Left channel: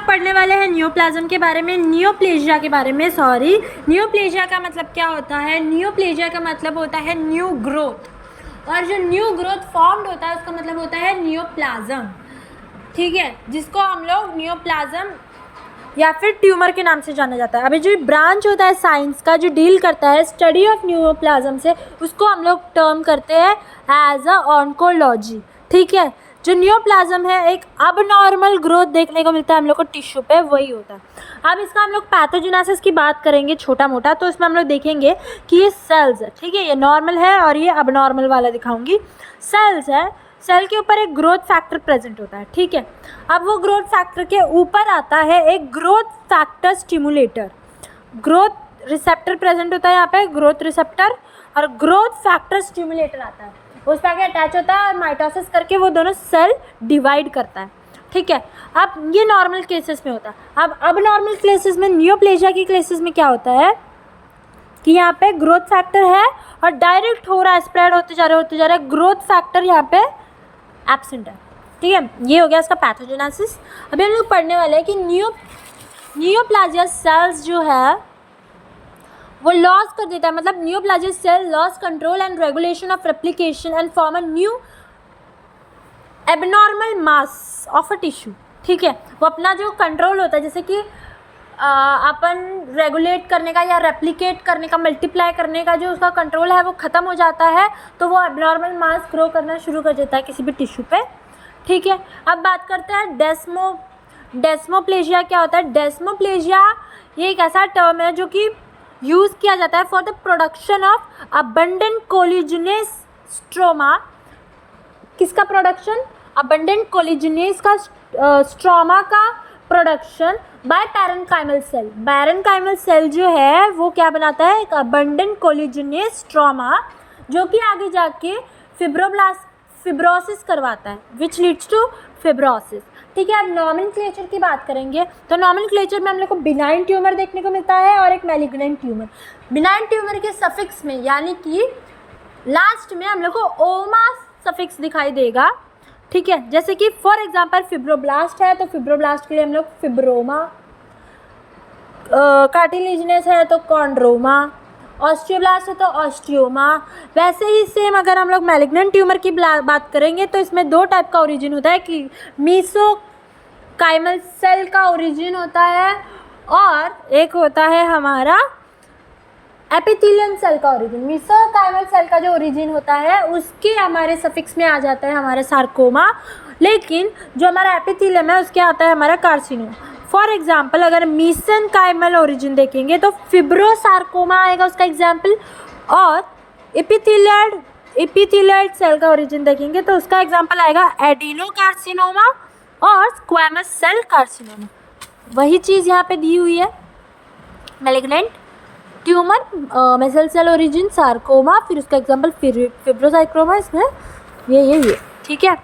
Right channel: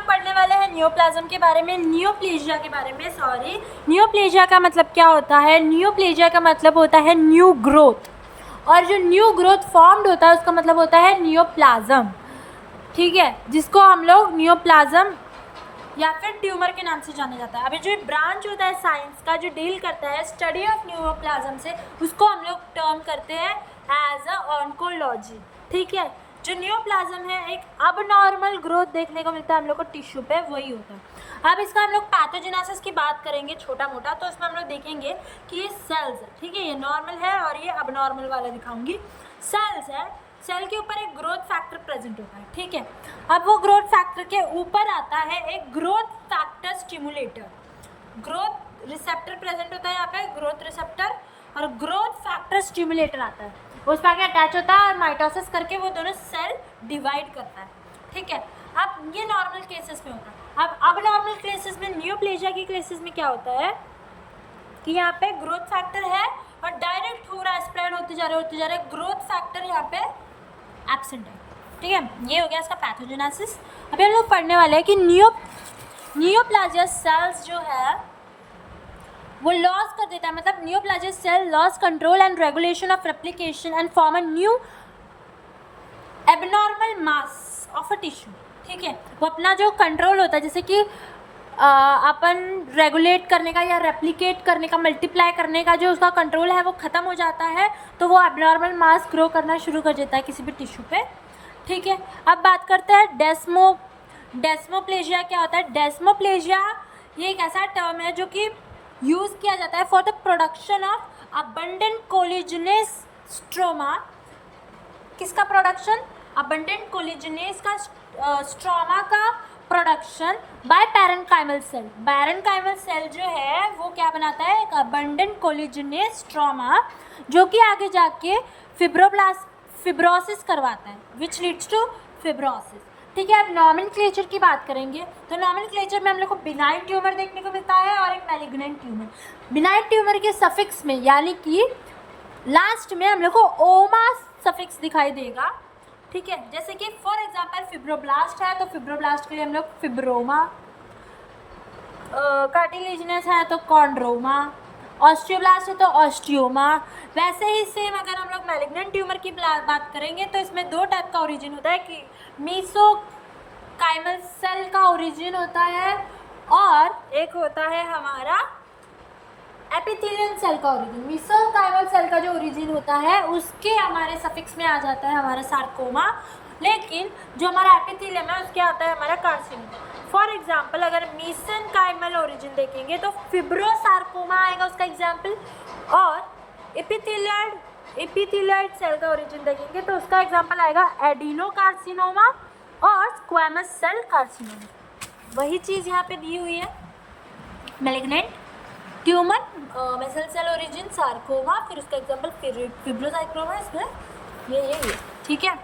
लोग पढ़ने वाले हैं नियोप्लाज्म के बारे में, नियोप्लेजिया के बारे में। नियोप्लेजिया का मतलब क्या होता है? नियोप्लेजिया का मतलब होता है न्यू ग्रोथ, और जो न्यू ग्रोथ फॉर्म्ड होता है उसका मतलब होता है नियोप्लाज्म, ठीक है, जिसको हम लोग नियोप्लाज्म या फिर ट्यूमर के नाम से जाना जाता है। अभी जो ब्रांच होता है साइंस का जो डील करता है स्टडी ऑफ नियोप्लाज्म से, उसको हम लोग टर्म करते हैं एज अ ऑन्कोलॉजी, ठीक है। जो नियोप्लाज्म है एक अबनॉर्मल ग्रोथ देखने को मिलता है हम लोग को टिश्यू पे, वही होता है। अब इसका हम लोग पैथोजेनेसिस की बात करेंगे छोटा मोटा, तो इसमें हम लोग देखेंगे कि ये सेल्स है, ठीक है, ये नॉर्मल है और ये अबनॉर्मल वाला दिखाऊंगी। सेल्स है, सेल के ऊपर एक ग्रोथ फैक्टर प्रेजेंट होता है, ठीक है। अब वो ग्रोथ फैक्टर के ऊपर आता है एक growth factor stimulator, growth receptor present होता है यहाँ पे, ग्रोथ रिसेप्टर, और ग्रोथ फैक्टर स्टिमुलेटर आता है, उस पर आगे अटैच होता है और माइटोसिस करके वो दोनों सेल डिवाइड करता है, ठीक है। अब ये नॉर्मल केसेस में होता है। अब नॉर्मल केसेस में, नियोप्लेजिया की केसेस में क्या होता है कि यहाँ पे ग्रोथ फैक्टर है और डायरेक्ट हो रहा है, स्प्रेड होते जा रहा है, ग्रोथ फैक्टर यहाँ पे एब्सेंट है, ठीक है। ये हो गया इसका पैथोजेनेसिस। अभी हम लोग पढ़ने वाले हैं कि नियोप्लाजिया सेल्स जो है वो लॉस कर देता है, मतलब neoplasia cell loss control and regulation of replication and form a new abnormal mass of a tissue, ठीक है। वो अपना जो कंट्रोल होता है, जैसे कि अपन रेगुलेट करने का या रेप्लिकेट करने का, मल्टीप्लाई करने का जो उसका कंट्रोल है वो ख़त्म हो जाता है, तो वो एबनॉर्मल मास ग्रो करना शुरू कर देता है किसी भी टिश्यू पे, ठीक है। अब बात करते हैं डेस्मोप्लेजिया क्या होता है। डेस्मोप्लेजिया ये एक ऐसा टर्म है जो कि यूज़ किया जाता है for the production of abundant collagenous stroma. किसका प्रोडक्शन? अबंडेंट कोलिजिनेस का स्ट्रोमा का production by parenchymal cell. Parenchymal cell जो है वो क्या बनाता है? एक अबंडेंट कोलिजिनेस स्ट्रोमा, जो कि आगे जाके फिब्रोसिस करवाता है, विच लीड्स टू फिब्रोसिस, ठीक है। अब नॉमेनक्लेचर की बात करेंगे तो नॉमेनक्लेचर में हम लोग को बिनाइन ट्यूमर देखने को मिलता है और एक मैलिग्नेंट ट्यूमर। बिनाइन ट्यूमर के सफिक्स में यानी कि लास्ट में हम लोग को ओमा सफिक्स दिखाई देगा, ठीक है। जैसे कि फॉर एग्जांपल फिब्रोब्लास्ट है तो फिब्रोब्लास्ट के लिए हम लोग फिब्रोमा, कार्टिलेजिनस है तो कॉन्ड्रोमा, ऑस्टियोब्लास्ट है तो ऑस्टियोमा। वैसे ही सेम अगर हम लोग मैलिग्नेंट ट्यूमर की बात करेंगे तो इसमें दो टाइप का ओरिजिन होता है कि मीसोकाइमल सेल का ओरिजिन होता है और एक होता है हमारा एपिथेलियम सेल का ओरिजिन। मीसोकाइमल सेल का जो ओरिजिन होता है उसके हमारे सफिक्स में आ जाता है हमारा सार्कोमा, लेकिन जो हमारा एपिथेलियम है उसके आता है हमारा कार्सिनोम। फॉर एग्जाम्पल अगर मीसेनकाइमल ओरिजिन देखेंगे तो फिब्रोसार्कोमा आएगा उसका एग्जाम्पल, और एपिथेलियल सेल का ओरिजिन देखेंगे तो उसका एग्जाम्पल आएगा एडिनोकार्सिनोमा और स्क्वैमस सेल कार्सिनोमा। वही चीज़ यहाँ पे दी हुई है, malignant tumour, muscle cell origin sarcoma, फिर उसका एग्जाम्पल फिब्रोसार्कोमा, इसमें ये ठीक है।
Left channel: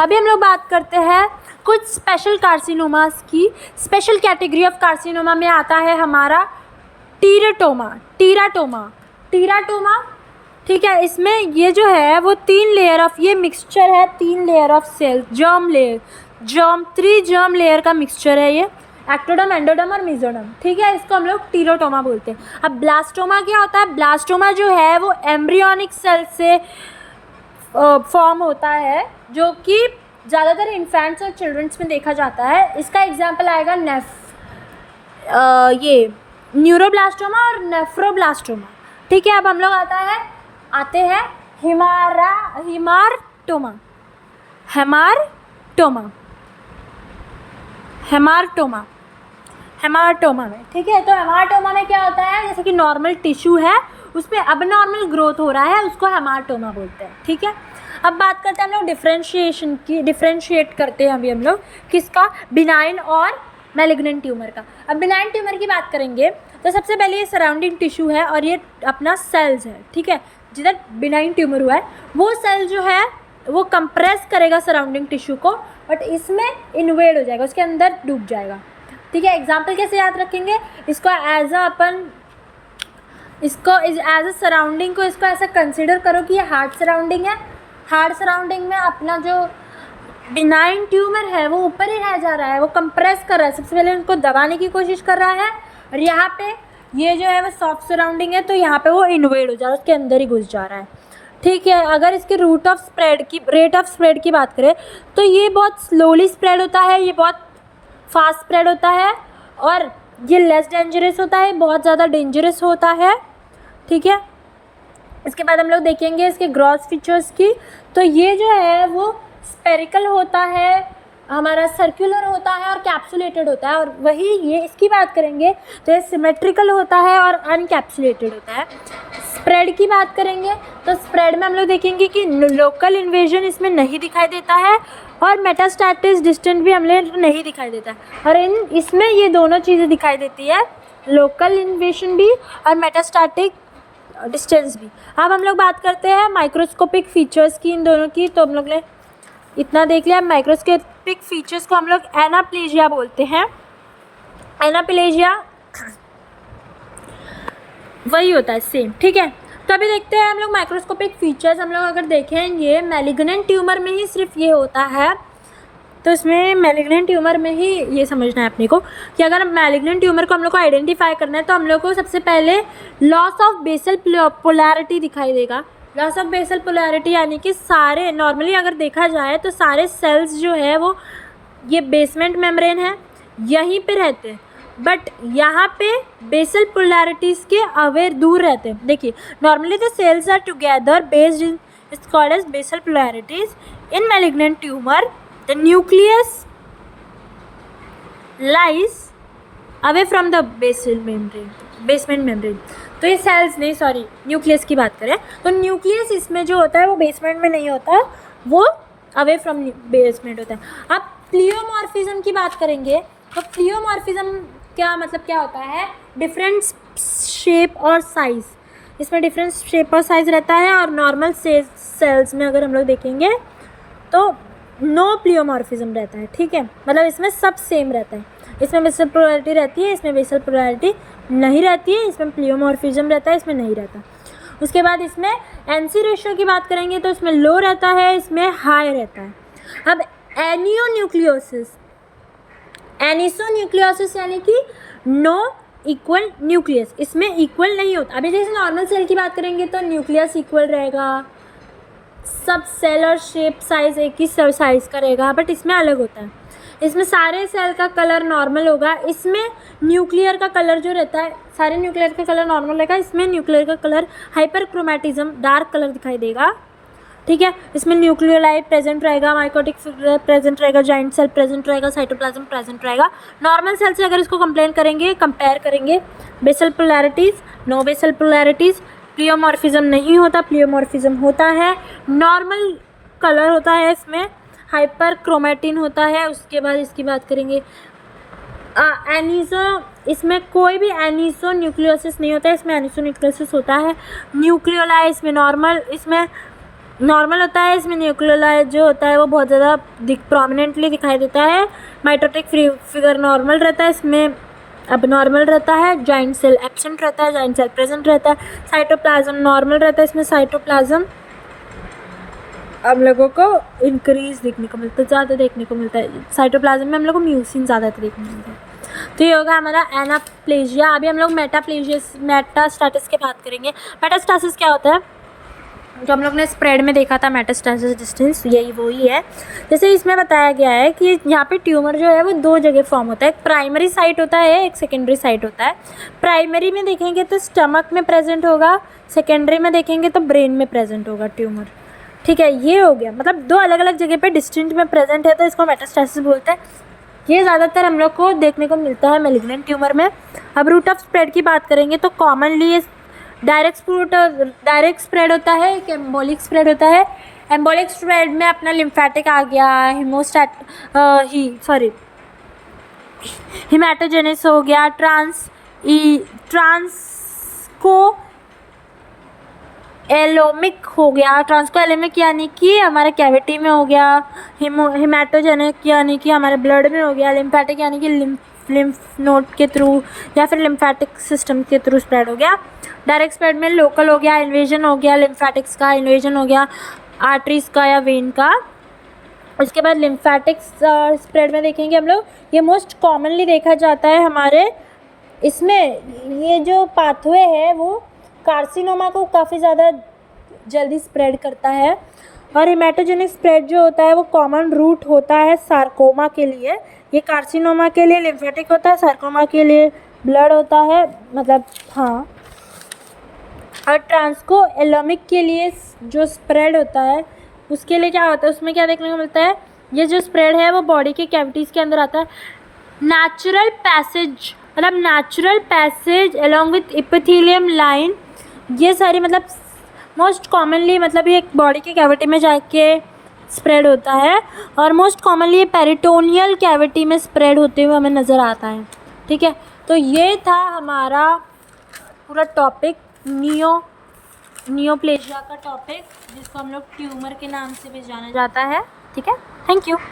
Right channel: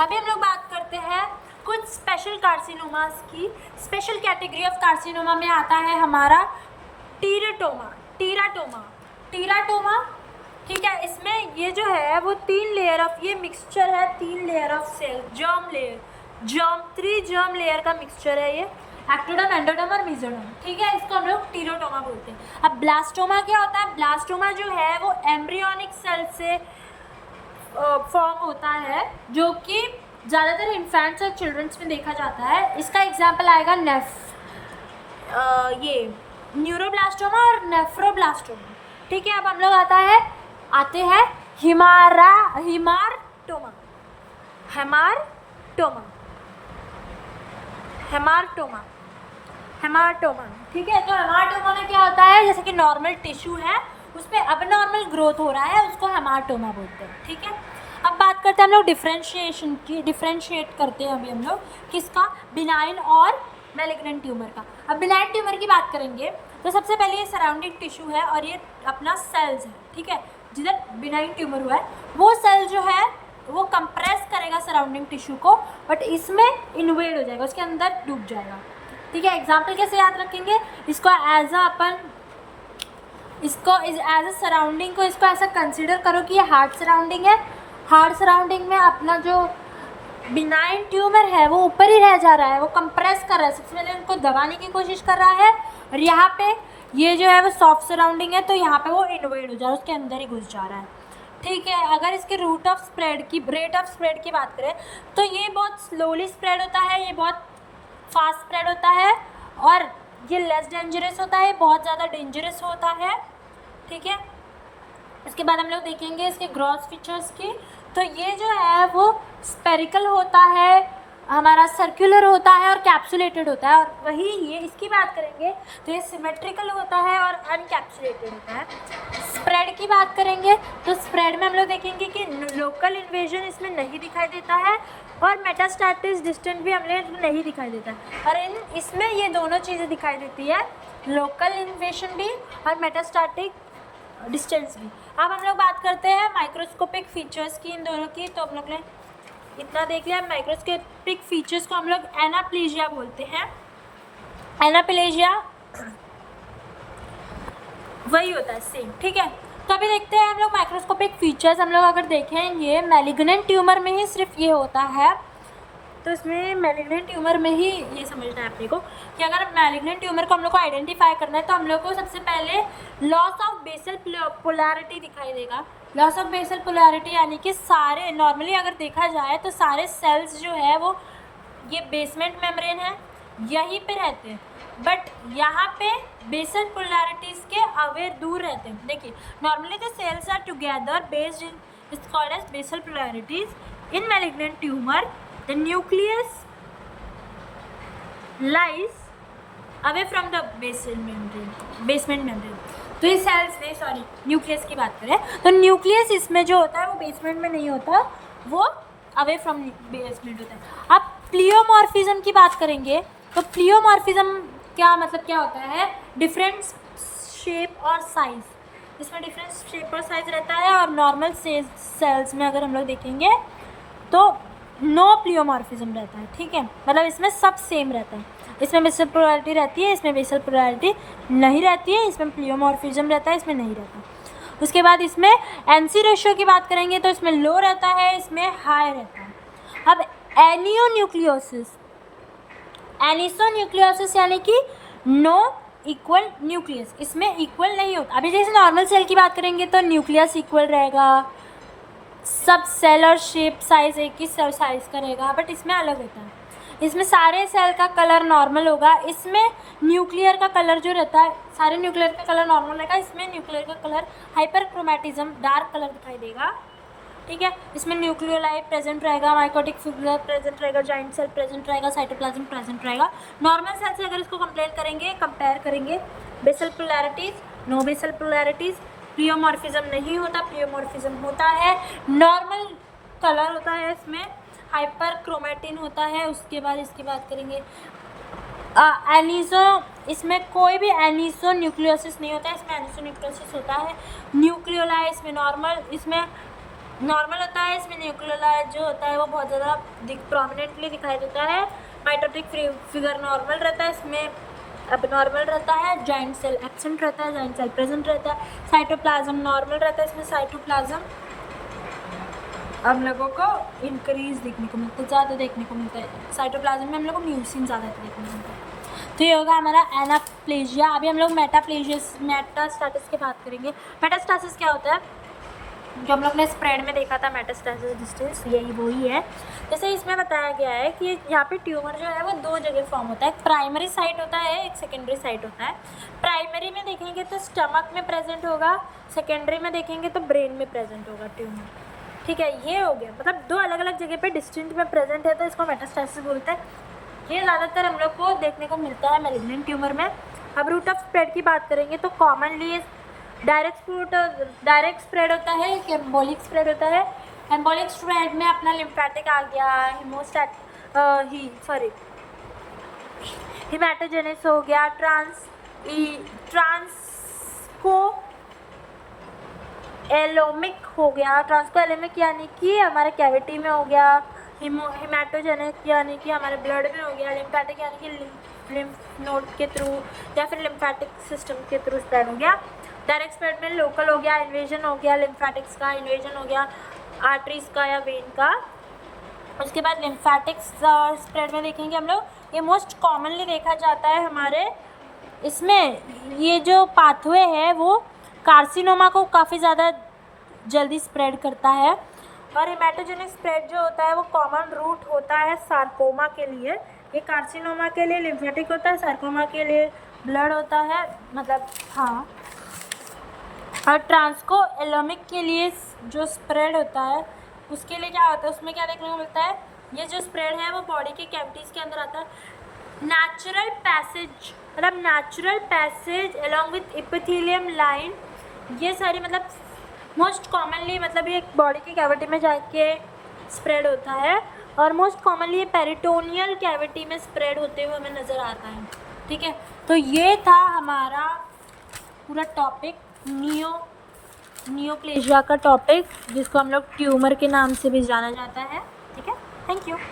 अभी हम लोग बात करते हैं कुछ स्पेशल कार्सिनोमास की। स्पेशल कैटेगरी ऑफ कार्सिनोमा में आता है हमारा टीराटोमा, ठीक है। इसमें ये जो है वो 3 लेयर ऑफ, ये मिक्सचर है 3 layer of cell, germ 3 germ layer का मिक्सचर है ये, एक्टोडर्म, एंडोडर्म और मेसोडर्म, ठीक है। इसको हम लोग टीराटोमा बोलते हैं। अब ब्लास्टोमा क्या होता है? ब्लास्टोमा जो है वो एम्ब्रियोनिक सेल से फॉर्म होता है, जो कि ज़्यादातर इन्फेंट्स और चिल्ड्रंस में देखा जाता है। इसका एग्जाम्पल आएगा ये न्यूरोब्लास्टोमा और नेफ्रोब्लास्टोमा, ठीक है। अब हम लोग आते हैं हेमाटोमा में, ठीक है। तो हेमाटोमा में क्या होता है? जैसे कि नॉर्मल टिश्यू है उसमें अबनॉर्मल ग्रोथ हो रहा है, उसको हेमाटोमा बोलते हैं, ठीक है। अब बात करते हैं हम लोग डिफ्रेंशिएशन की, डिफ्रेंशिएट करते हैं अभी हम लोग किसका? बिनाइन और मैलिग्नेंट ट्यूमर का। अब बिनाइन ट्यूमर की बात करेंगे तो सबसे पहले ये सराउंडिंग टिश्यू है और ये अपना सेल्स है, ठीक है। जिधर बिनाइन ट्यूमर हुआ है वो सेल जो है वो कंप्रेस करेगा सराउंडिंग टिश्यू को, बट इसमें इन्वेड हो जाएगा, उसके अंदर डूब जाएगा, ठीक है। एग्जाम्पल कैसे याद रखेंगे इसको? एज अ सराउंडिंग को इसको ऐसा कंसिडर करो कि ये हार्ड सराउंडिंग है। हार्ड सराउंडिंग में अपना जो बिनाइन ट्यूमर है वो ऊपर ही रह जा रहा है, वो कंप्रेस कर रहा है, सबसे पहले उनको दबाने की कोशिश कर रहा है, और यहाँ पे ये जो है वो सॉफ्ट सराउंडिंग है, तो यहाँ पे वो इन्वेड हो जा रहा है, उसके अंदर ही घुस जा रहा है। ठीक है, अगर इसकी रेट ऑफ स्प्रेड की बात करें तो ये बहुत स्लोली स्प्रेड होता है, ये बहुत फास्ट स्प्रेड होता है, और ये लेस डेंजरस होता है, बहुत ज़्यादा डेंजरस होता है। ठीक है, इसके बाद हम लोग देखेंगे इसके ग्रॉस फीचर्स की। तो ये जो है वो स्पेरिकल होता है, हमारा सर्कुलर होता है और कैप्सुलेटेड होता है, और वही ये इसकी बात करेंगे तो ये सिमेट्रिकल होता है और अनकैप्सुलेटेड होता है। स्प्रेड की बात करेंगे तो स्प्रेड में हम लोग देखेंगे कि लोकल इन्वेजन इसमें नहीं दिखाई देता है, और मेटास्टैटिस डिस्टेंट भी हमें नहीं दिखाई देता है, और इसमें ये दोनों चीज़ें दिखाई देती है, लोकल इन्वेजन भी और मेटास्टैटिक डिस्टेंस भी। अब हम लोग बात करते हैं माइक्रोस्कोपिक फीचर्स की इन दोनों की। तो हम लोग ने इतना देख लिया। माइक्रोस्कोपिक फीचर्स को हम लोग एनाप्लेजिया बोलते हैं। एनाप्लेजिया वही होता है सेम। ठीक है, तो अभी देखते हैं हम लोग माइक्रोस्कोपिक फीचर्स। हम लोग अगर देखेंगे मैलिग्नेंट ट्यूमर में ही सिर्फ ये होता है, तो इसमें मैलिग्नेंट ट्यूमर में ही ये समझना है अपने को कि अगर मैलिग्नेंट ट्यूमर को हम लोग को आइडेंटिफाई करना है तो हम लोग को सबसे पहले लॉस ऑफ बेसल पोलैरिटी दिखाई देगा। लॉस ऑफ बेसल पोलैरिटी यानी कि सारे नॉर्मली अगर देखा जाए तो सारे सेल्स जो है वो ये बेसमेंट मेम्ब्रेन है यहीं पे रहते हैं, बट यहाँ पे बेसल पोलैरिटीज़ के अवे दूर रहते हैं। देखिए normally the cells are together based in its called as basal polarities. In malignant tumour the nucleus lies away from the basement membrane। तो ये सेल्स नहीं, सॉरी न्यूक्लियस की बात करें तो न्यूक्लियस इसमें जो होता है वो बेसमेंट में नहीं होता, वो अवे फ्रॉम बेसमेंट होता है। अब प्लियोमॉर्फिज्म की बात करेंगे तो प्लियोमॉर्फिज्म क्या मतलब क्या होता है, डिफरेंट शेप और साइज़, इसमें डिफरेंट शेप और साइज़ रहता है। और नॉर्मल सेल्स में अगर हम लोग देखेंगे तो नो प्लियोमॉर्फिज्म रहता है। ठीक है, मतलब इसमें सब सेम रहता है, इसमें बेसल पोलैरिटी रहती है, इसमें बेसल पोलैरिटी नहीं रहती है, इसमें प्लियोमॉर्फिज्म रहता है, इसमें नहीं रहता। उसके बाद इसमें एनसी रेशियो की बात करेंगे तो इसमें लो रहता है, इसमें हाई रहता है। अब एनिसोन्यूक्लियोसिस यानी कि नो इक्वल न्यूक्लियस, इसमें इक्वल नहीं होता। अभी जैसे नॉर्मल सेल की बात करेंगे तो न्यूक्लियस इक्वल रहेगा, सब सेल और शेप साइज़ एक ही साइज़ का रहेगा, बट इसमें अलग होता है। इसमें सारे सेल का कलर नॉर्मल होगा, इसमें न्यूक्लियर का कलर जो रहता है सारे न्यूक्लियर का कलर नॉर्मल रहेगा, इसमें न्यूक्लियर का कलर हाइपर क्रोमेटिज्म डार्क कलर दिखाई देगा। ठीक है, इसमें न्यूक्लियोलाई प्रेजेंट रहेगा, माइकोटिक फिगर प्रेजेंट रहेगा, जॉइंट सेल प्रेजेंट रहेगा, साइटोप्लाज्म प्रेजेंट रहेगा। नॉर्मल सेल से अगर इसको कंपेयर करेंगे basal polarities, no basal polarities, प्लियोमॉर्फिज्म नहीं होता, प्लियोमॉर्फिज्म होता है, नॉर्मल कलर होता है, इसमें हाइपर क्रोमेटिन होता है। उसके बाद इसकी बात करेंगे इसमें कोई भी एनिसो न्यूक्लियोसिस नहीं होता है, इसमें एनिसो न्यूक्लियोसिस होता है। न्यूक्लियोलाई इसमें नॉर्मल होता है, इसमें न्यूक्लियोलाई जो होता है वो बहुत ज़्यादा प्रोमिनेंटली दिखाई देता है। माइटोटिक फिगर नॉर्मल रहता है, इसमें अब नॉर्मल रहता है। जॉइंट सेल एब्सेंट रहता है, जॉइंट सेल प्रेजेंट रहता है। साइटोप्लाज्म नॉर्मल रहता है, इसमें साइटोप्लाज्म हम लोगों को इंक्रीज देखने को मिलता है, ज़्यादा देखने को मिलता है। साइटोप्लाज्म में हम लोग को म्यूसिन ज़्यादा देखने को मिलता है। तो ये होगा हमारा एनाप्लेजिया। अभी हम लोग मेटास्टैटिस की बात करेंगे। मेटास्टैटिस क्या होता है, जो हम लोग ने स्प्रेड में देखा था मेटास्टैटिस डिस्टेंस, यही वही है। जैसे इसमें बताया गया है कि यहाँ पे ट्यूमर जो है वो दो जगह फॉर्म होता है, एक प्राइमरी साइट होता है, एक सेकेंडरी साइट होता है। प्राइमरी में देखेंगे तो स्टमक में प्रेजेंट होगा, सेकेंडरी में देखेंगे तो ब्रेन में प्रेजेंट होगा ट्यूमर। ठीक है, ये हो गया, मतलब दो अलग अलग जगह पे डिस्टिंक्ट में प्रेजेंट है, तो इसको मेटास्टैटिस बोलते हैं। ये ज़्यादातर हम लोग को देखने को मिलता है मैलिग्नेंट ट्यूमर में। अब रूट ऑफ स्प्रेड की बात करेंगे तो कॉमनली डायरेक्ट स्प्रेड होता है, एक एम्बोलिक स्प्रेड होता है। एम्बोलिक स्प्रेड में अपना लिम्फेटिक आ गया, हिमेटोजेनिस हो गया, ट्रांसकोएलोमिक हो गया। ट्रांसकोएलोमिक यानी कि हमारे कैविटी में हो गया, हिमेटोजेनिक यानी कि हमारे ब्लड में हो गया, लिम्फेटिक यानी कि लिम्फ नोड के थ्रू या फिर लिम्फेटिक सिस्टम के थ्रू स्प्रेड हो गया। डायरेक्ट स्प्रेड में लोकल हो गया, इन्वेजन हो गया, लिम्फेटिक्स का इन्वेजन हो गया, आर्टरीज का या वेन का। उसके बाद लिम्फेटिक स्प्रेड में देखेंगे हम लोग, ये मोस्ट कॉमनली देखा जाता है हमारे इसमें। ये जो पाथवे है वो कार्सिनोमा को काफ़ी ज़्यादा जल्दी स्प्रेड करता है। और हेमाटोजेनिक स्प्रेड जो होता है वो कॉमन रूट होता है सार्कोमा के लिए। ये कार्सिनोमा के लिए लिम्फेटिक होता है, सार्कोमा के लिए ब्लड होता है, मतलब हाँ। और ट्रांसको एलोमिक के लिए जो स्प्रेड होता है उसके लिए क्या होता है, उसमें क्या देखने को मिलता है, ये जो स्प्रेड है वो बॉडी के कैविटीज़ के अंदर आता है। नेचुरल पैसेज, मतलब natural passage along with epithelium line, ये सारी मतलब मोस्ट कॉमनली मतलब ये बॉडी के कैविटी में जाके स्प्रेड होता है। और मोस्ट कॉमनली ये पेरिटोनियल कैविटी में स्प्रेड होते हुए हमें नज़र आता है। ठीक है, तो ये था हमारा पूरा टॉपिक नियोप्लेजिया का टॉपिक, जिसको हम लोग ट्यूमर के नाम से भी जाना जाता है। ठीक है, थैंक यू।